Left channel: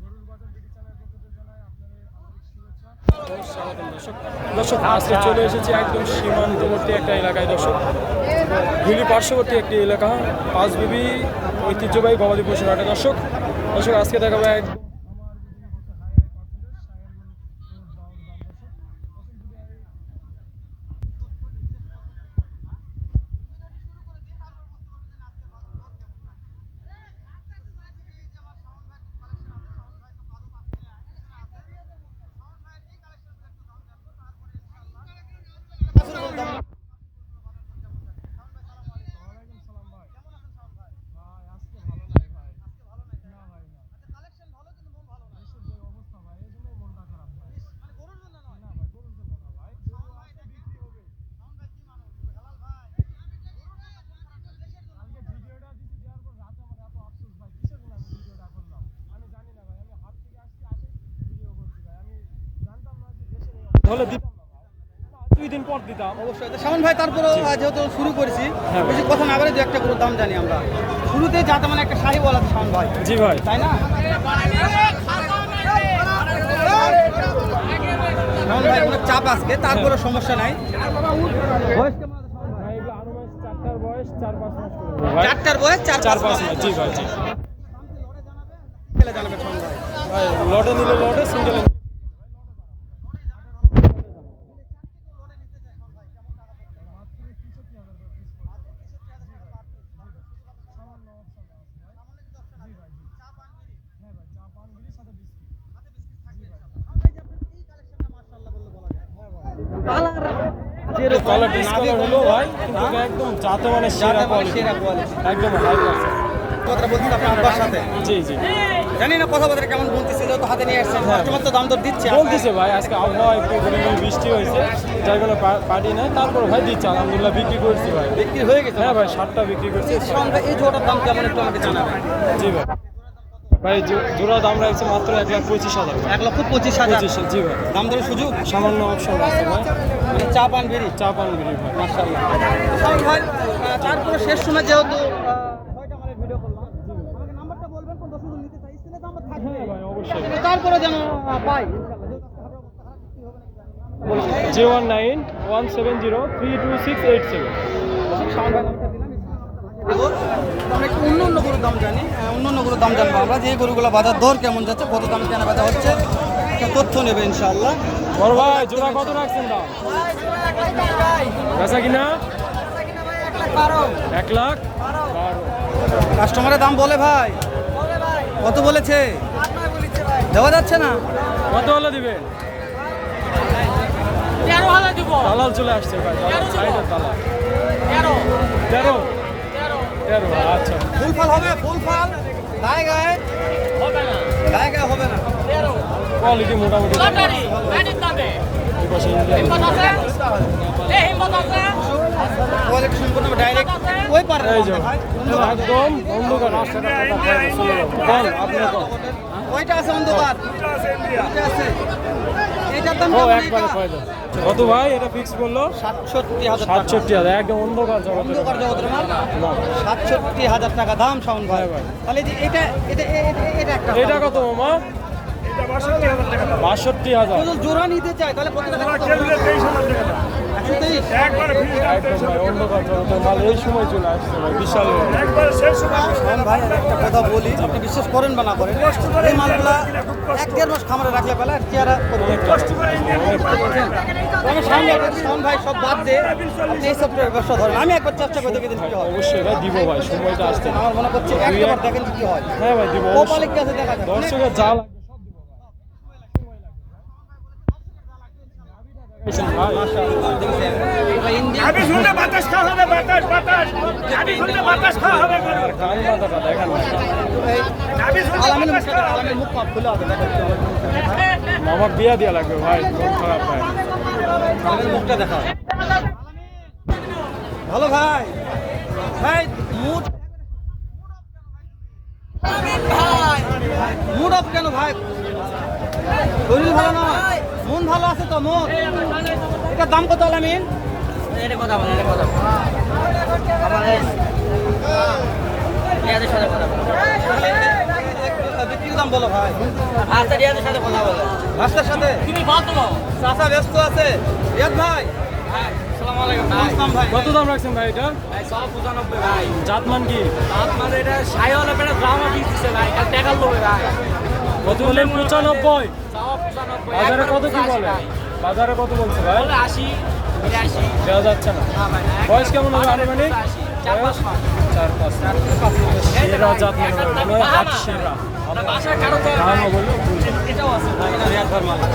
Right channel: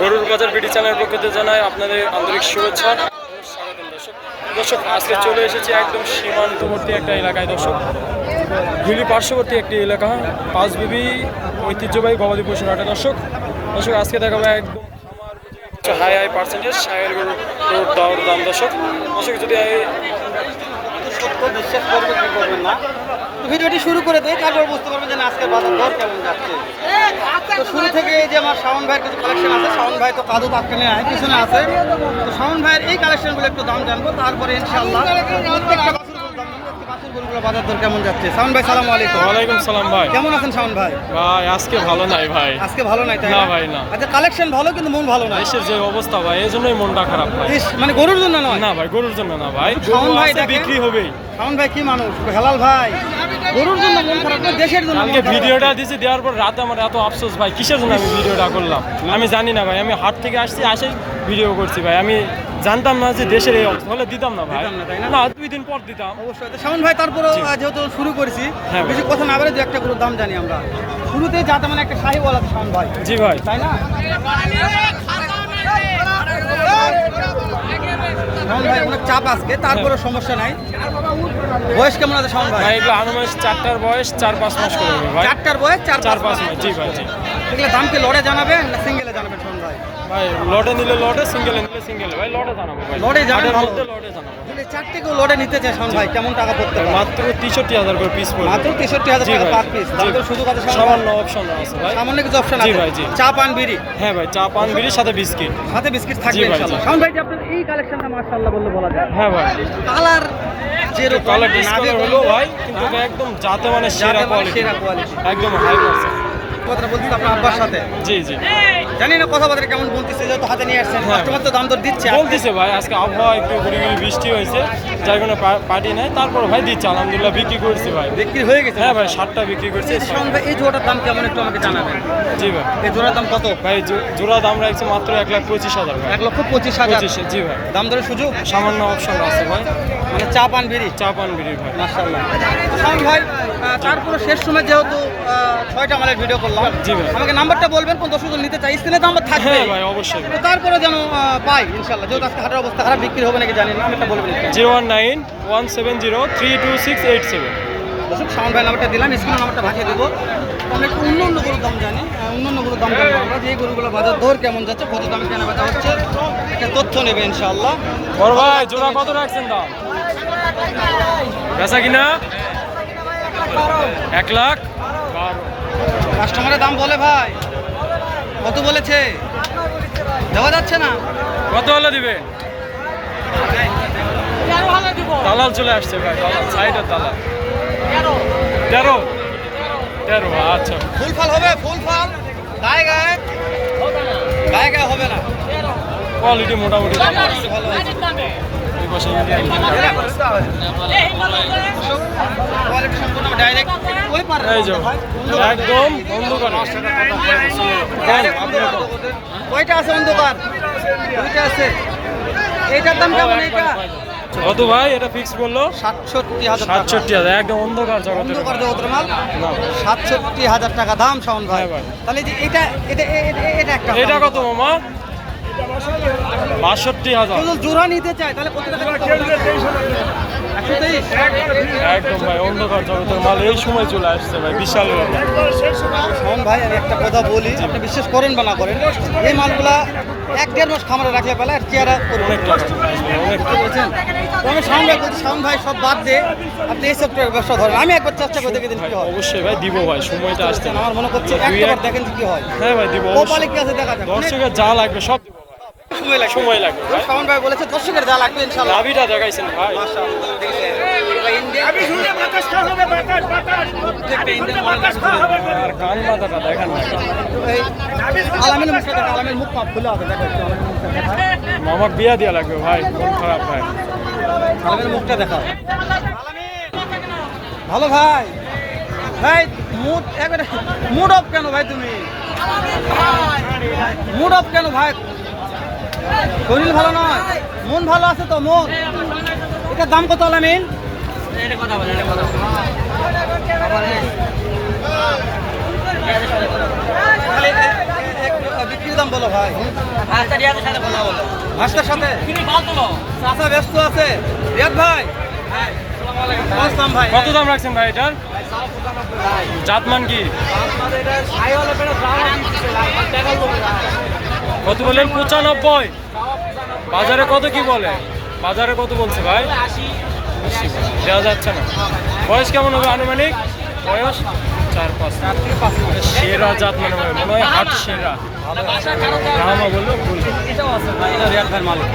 গরুর বাজার বিডি চ্যানেলের পক্ষ থেকে জানাই আপনাদের আন্তরিক শুভেচ্ছা ও স্বাগতম। দর্শক আজকে চলে এসেছি একদম সীমান্তবর্তী একটা এলাকায়। দর্শক হিলি পার্শ্ববর্তী একটি এলাকা, পাঁচবিবি ঐতিহ্যবাহী গবাদি পশুর হাটে। দর্শক আজকে দেখাবো একদম হাই পার্সেন্টেজ সাহের গরুর দাওয়ার দাম। দর্শক যদি বিশ্বাস করবে কি করবেন না, ভিডিওটি শুরু করে দেয়, তারপর বুঝতে পারবেন যে আজকের বাজার দর কেমন যাচ্ছে। তো শুরু থেকে যে আমার শাওন ভাইয়ের কিছু কালেকশন আছে, শাওন ভাই তো কাদু তাৎক্ষণে আয় পিছনে আছে, তো শাওন ভাইয়ের এই কালেকশনগুলো একটু দাম জানবো, তারপরে ইনশাআল্লাহ প্রত্যেকটা গরুগুলো বাজার দর কেমন যাচ্ছে। শাওন ভাই সালাম আলাইকুম। ওয়ালাইকুম সালাম ভাই, কেমন আছেন শাওন ভাই? ভাই আজকে ভালো নাই ভাই, আজকে ভালো নাই তাই না ভাই না। আচ্ছা কালেকশন ভালো কিন্তু মন ভালো না, দেশের যে অবস্থা ভাই এই জন্যই মনটা খারাপ ভাই। মানে গরুর জন্য নয় না ভাই, গরুর জন্য না ভাই, শাওন ভাই বিক্রি হবেই। শাওন ভাই কি মানুষ, হেলাল ভাই, গরুর জন্য মন খারাপ না, দেশের জন্য। কালকে ভিডিওটা দিয়েছি, দেওয়ার পর রাতে আমার এত আফসোস ভাই, কিসের জন্য আমি ভিডিওটা করলাম আমি জানি না ভাই। আমি হাট থেকে আসেই ভিডিও করছি ভাই, আমি জানতাম না যে দেশের এই অবস্থা, হলে দিতাম না ভাই, না 2 দিন পর দিতাম অবশ্যই। শাওন ভাই তারপরে যেহেতু শুরু করেছি, হ্যাঁ বেশি কথা না বলে দু একটা করে দাম জানি আমরা। শুরুতে যাতে মানে একটা শাহি বলা শাওন ভাই, জি ভাই, তাই না? শাওন ভাই অনেক চাপ আজকে, তারপরে সমস্যা নাই। বয়স কেমন আছে শাওন ভাই? ভাই এগুলো আনুমানিক 4টার বয়স 4-5 মাস করে হবে ভাই। 4টার বয়স 4-5 মাস, জি ভাই জি। এগুলো দাম কি লড়ে জানাবেন না সিঙ্গেলে জানাবেন শাওন ভাই? ভাই লটে নিলে লটে, সিঙ্গেলে নিলে সিঙ্গেলে ভাই, লটে জানাবো ভাই, লটে জানান হাটের ভালো। মধ্যে লটে জানাবো। যদি চারটে কেউ লড়ে নিতে চায় শাওন ভাই কেমন টাকা পড়তে পারে? মাত্র 63,000 করে পিস পড়বে, মাত্র 63,000 জি টাকা ভাই, পার পিস। জি। দাম তো শুধু কথা শাওন ভাই, সামান্য অপশন আছে ভাই, সামান্য কিছু অপশন জি আছে। ভাই, জি। চা পান বিড়ি, হ্যাঁ ভাই, চা পান বিড়ির সাথে বিস্কিট, সাথে বিস্কিট জি থাকবে ভাই, ইনশাআল্লাহ। জি। শাওন ভাই যে আপনার এই কালেকশনটা মাশাআল্লাহ বললে বলা যায়। হ্যাঁ ভাই, কালার যে কালার ডিসকালার হলো ভাই, কিন্তু একদম জাতে মানে সেরা কোয়ালিটি, সেরা কোয়ালিটি। একদম হাই পার্সেন্ট। কথা বলছি আপনার আব্বার সাথে, জি জি, জানি না কথাবার্তা কেমন বলতেছে, যেহেতু হাতে নিয়ে আসছেন হ্যাঁ। কাস্টমার তো দাম দর দিচ্ছে। বলতেছে ভাই আজকে আবহাওয়া একটু গুড়ি বৃষ্টি হয়েছে, যার কোনো পার্টি নাই, তারপর ভাই দিচ্ছে আলহামদুলিল্লাহ, বিক্রি করছি ভাই। বিক্রি হয়ে গেছে? হ্যাঁ ভাই, 7টা বিক্রি করছি। শাওন ভাই এই জোড়াটার দাম কেমন একটু আমাকে জানাবেন। জি ভাই, এই জোড়ার দাম কত? ভাই জোড়া দাম রাখছি মাত্র 1,25,000 ভাই। 1,25,000। 25, জি ভাই, দাম দরের সুযোগ, সামান্য অপশন আছে ভাই, মানে চা পান বিড়ি। চা পান বিড়ি ভাই। মাশাআল্লাহ। শাওন ভাই তারপরে শেষ সময় যেহেতু 6টা মালের ভিডিও করলাম, জি ভাই। আমাকে নাম্বারটা বলবেন, কোন দর্শক নিতে চাই, স্ক্রিনে তো আমার থাকবে। হ্যাঁ ভাই, অবশ্যই ভাই। তারপরে যেন পাই ইনশাআল্লাহ, যেহেতু আজকে হাটের অবস্থা খারাপ, বিক্রি হবে নাকি জানি না, আমি একটা বলবেন। 019-170-32687। দর্শক শাওন ভাই নাম্বারটা দিলাম, স্ক্রিনে নাম্বারটা ভাঙিয়ে দেবো। আমরা একটু অন্য গরুর দাম জানি, অন্য গরুর দাম জানবো আমরা, যে এই গরুগুলো বাজার দর কেমন যাচ্ছে, কত দামে কেনা বেচা হচ্ছে, একটা তথ্য নেবে ইনশাআল্লাহ। বড় ভাই জোড়া কত রাখছেন দাম? বেচা কিনা 1,12,000। কাস্টমারের দাম বলে ভাই, কত বলেছে দেওয়া যাচ্ছে না। কত হলে দিবে? দালাল চলে আসছে ভাই, দালাল সাইডের দালাল। 13, আচ্ছা। ফুল ফল হবে, ফুল ফল গায়ে গায়ে হবে না, গায়ে গায়ে হবে না। কোয়ালিটি মোটামুটি এই পাশে ইন্ডিয়ান কোয়ালিটি সম্পূর্ণ ডাইরেক্ট ওই পারে এই যে একদম অন্ধকার। কোন আপনি কোন? ওইটা আছে অন্ধকার, ওইটা আছে। এইটার দাম কেমন? এইটা কত ভাই এটা ফিক্স বললো? 67,000 টাকা। 67,000, একদম অন্ধকার জগতের অন্ধকার জগতের মাল, না। 67,000 টাকা দাম শাওন ভাই। হ্যাঁ ভাই। তাহলে যে এটা এটা এটা একটা এটা কত মামা? 62,000। যদি জোড়া নিতে চাই তাহলে কত টাকা? 123। একদম ভাই অন্ধকার জগতের মাল এই সময় চলে আসছে ভাই, বিশাল ব্যাপার। শাওন ভাই আমি একটা কথা বলি, একটা বিশ্বাস করেন বা না করেন, এই মালগুলা 1-1.5 মাস খামারে রাখলে পেলে আর চেয়ারা অনেক টাকা অনেক টাকা। বলছেন। আমি শাওন ভাই সব বাদ দিয়ে আপনি এই সফটওয়্যার ব্যবসা ধরেন, আমি একবার চেষ্টা করে দেখে দিন ভাই কি হয়। অবশ্যই ভাই দিব ভাই, সময়টা আসছে। আমার মনে করছে দুই একবার এক- দেখেন যে কি হয়। হ্যাঁ ভাই দিব কপালে অবশ্যই। কি আছে দেখা যাবে। দর্শকের যা লাগবে সব দিব ভাই, সময় লাগবে। সময় লাগবে ভাই। শাওন ভাই বলেছে দর্শকের যা লাগবে ইনশাআল্লাহ। লাভিটা দেখাইছেন ভাই, মাশাআল্লাহ দেখেছেন। ভাই ইন্ডিয়া আর কান মাথাটা দেখেন না। আলামিন মুস্তাফা আলামিন মুখ খুলে হবে দেখেন। মামাক বিয়া দিয়া লাগবে ভাই, কোন খারাপ ভাই। আলামিন মুখটা দেখা। ভালো ভাই, ভাই মুড অফ কেন ভাই তুমি? মুড অফ কেন ভাই? শরীর ভালো না, মন ভালো আছে তো? মন এটার দাম কত আলামিন? বিক্রির দাম বলো ভাই। মাস্টার সাথে চাচা ব্যস্ত আছে। রিয়াদ ভাই, আসসালামু আলাইকুম। আসসালাম ভাই। কত দাম রাখছেন ভাই এটার? জাতমান কি কত বলেন? 95। বাজারে কত কি বলে? বাজারে কত বলছে ভাই? দেওয়া যাচ্ছে না। বয়স কেমন হবে আনুমানিক? বয়স 4-5। সেরা জাত মনে হয় হাট সেরা। দামও বললো ভুল। রিয়াদ ভাই মালিক।